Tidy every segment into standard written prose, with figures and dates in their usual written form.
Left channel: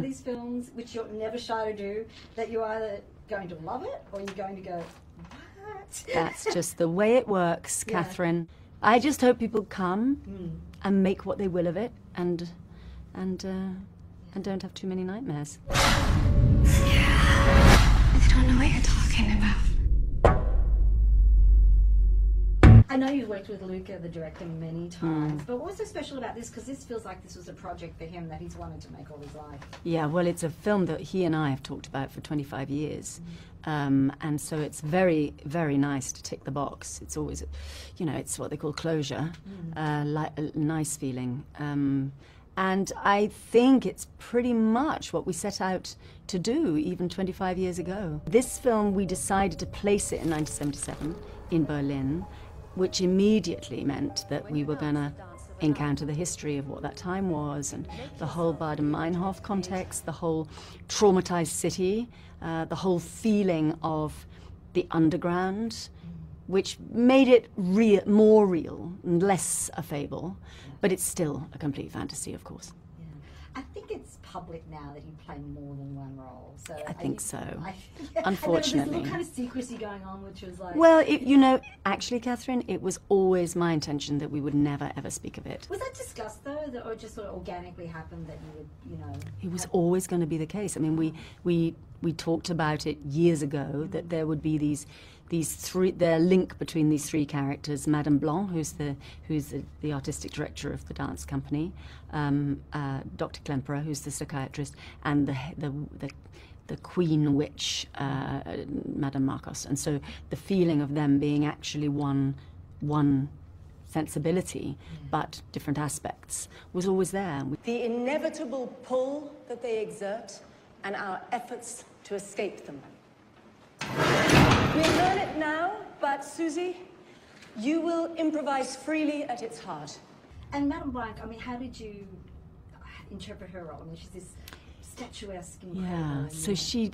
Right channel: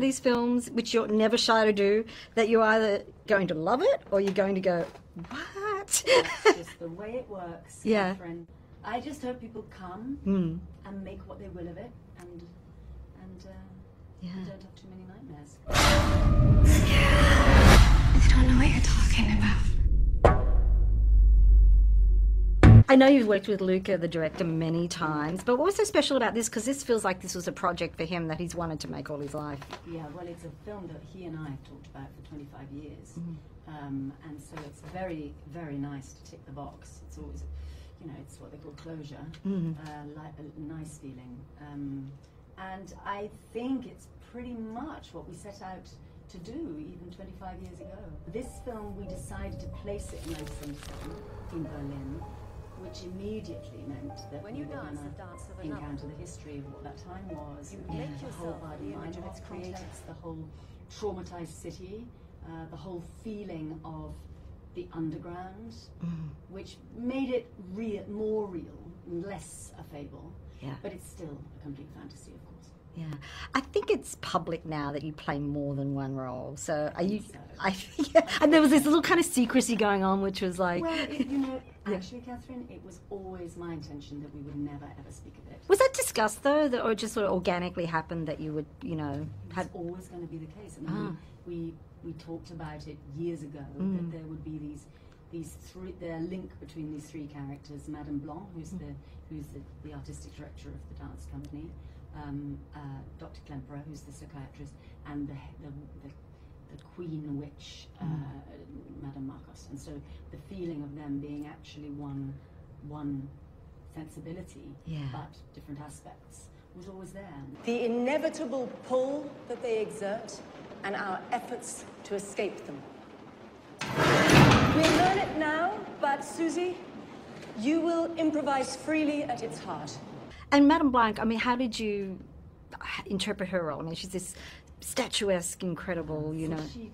of these films, which you're never shy to do, that you're either going to love it or you're going to go, what? That's just the way it works, Catherine. I just hope people come and make what they will of it, and don't have too many nightmares. I don't know what you're talking about. I know you've worked with Luca, the director, many times, but what was so special about this? Because this feels like this was a project for him that he's wanted to make all his life. Yeah, well, it's a film that he and I have talked about for 25 years. And so it's very, very nice to tick the box. It's always, you know, it's what they call closure, like a nice feeling. And I think it's pretty much what we set out to do even 25 years ago. This film, we decided to place it in 1977 in Berlin, which immediately meant that we were going to encounter the history of what that time was, and the whole Baden-Meinhof context, the whole traumatized city, the whole feeling of the underground, which made it more real and less a fable, but it's still a complete fantasy, of course. Yeah, I think it's public now that you play more than one role. So I think so. And there was this little kind of secrecy going on, which was like... Well, you know, actually, Catherine, it was always my intention that we would never, ever speak of it. Was that discussed, though, or it just sort of organically happened that you would, you know... It was always going to be the case. I mean, we talked about it years ago, that there would be these three, the link between these three characters: Madame Blanc, who's the artistic director of the dance company, Dr. Klemperer, who's the psychiatrist, and the queen witch, Madame Marcos. And so the feeling of them being actually one sensibility, but different aspects, was always there. The inevitable pull that they exert, and our efforts to escape them. We learn it now, but Susie, you will improvise freely at its heart. And Madame Blanc, I mean, how did you interpret her role? I mean, she's this statuesque, incredible. Yeah. So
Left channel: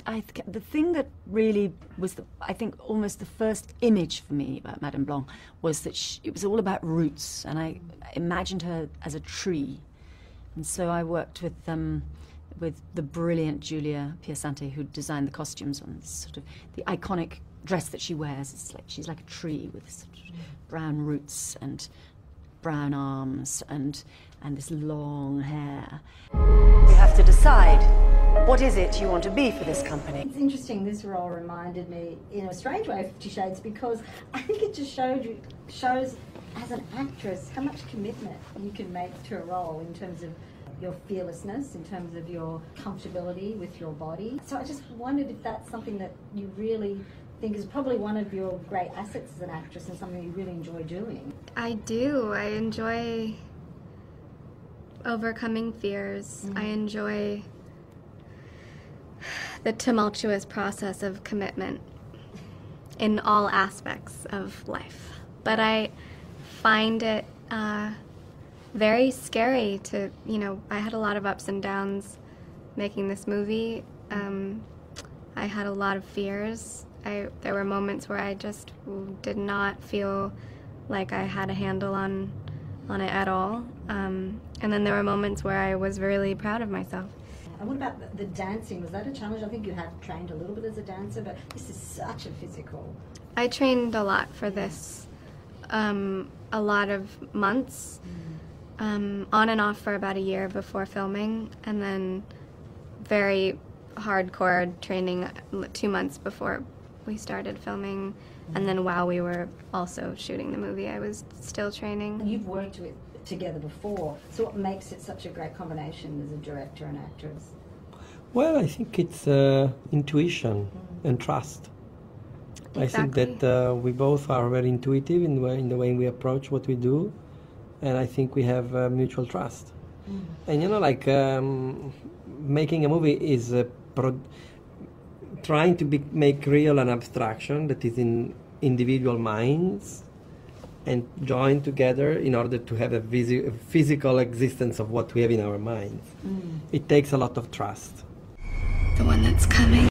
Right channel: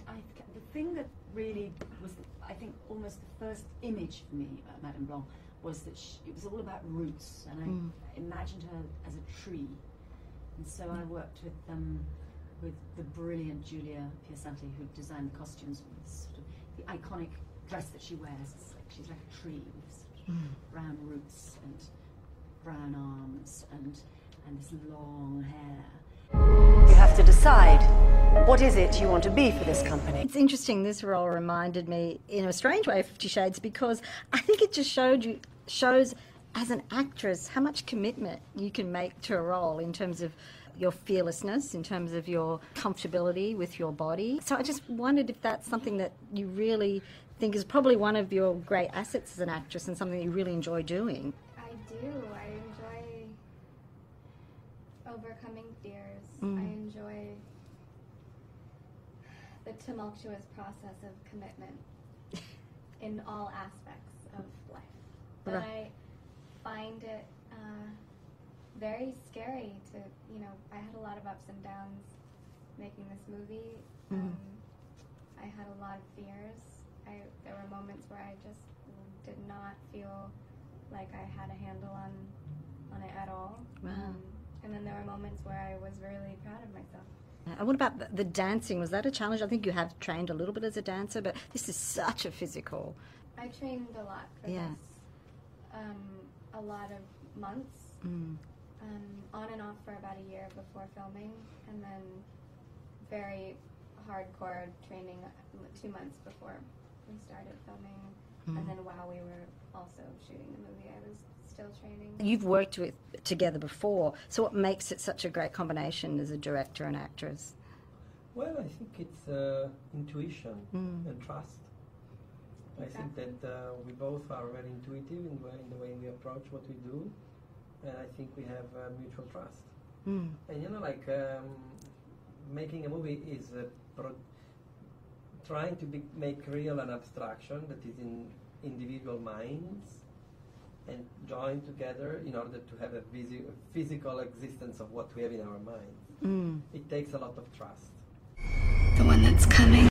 the thing that really was, I think, almost the first image for me about Madame Blanc was that it was all about roots, and I imagined her as a tree. And so I worked with the brilliant Julia Piacente, who designed the costumes on this sort of the iconic dress that she wears. It's like she's like a tree with sort of brown roots and brown arms and this long hair. You have to decide, what is it you want to be for this company? It's interesting, this role reminded me in a strange way of 50 Shades, because I think it just shows as an actress how much commitment you can make to a role in terms of your fearlessness, in terms of your comfortability with your body. So I just wondered if that's something that you really think is probably one of your great assets as an actress and something you really enjoy doing. I do. I enjoy overcoming fears. I enjoy the tumultuous process of commitment in all aspects of life. But I find it very scary to, you know, I had a lot of ups and downs making this movie. I had a lot of fears. There were moments where I just did not feel like I had a handle on it at all. And then there were moments where I was really proud of myself. And what about the dancing? Was that a challenge? I think you had trained a little bit as a dancer, but this is such a physical... I trained a lot for this, a lot of months, on and off for about a year before filming, and then very hardcore training 2 months before we started filming, and then while we were also shooting the movie, I was still training. You've worked together before, so what makes it such a great combination as a director and actress? Well, I think it's intuition and trust. Exactly. I think that we both are very intuitive in the way we approach what we do, and I think we have mutual trust. And you know, like making a movie is trying to make real an abstraction that is in individual minds and join together in order to have a physical existence of what we have in our minds. It takes a lot of trust. The one that's coming.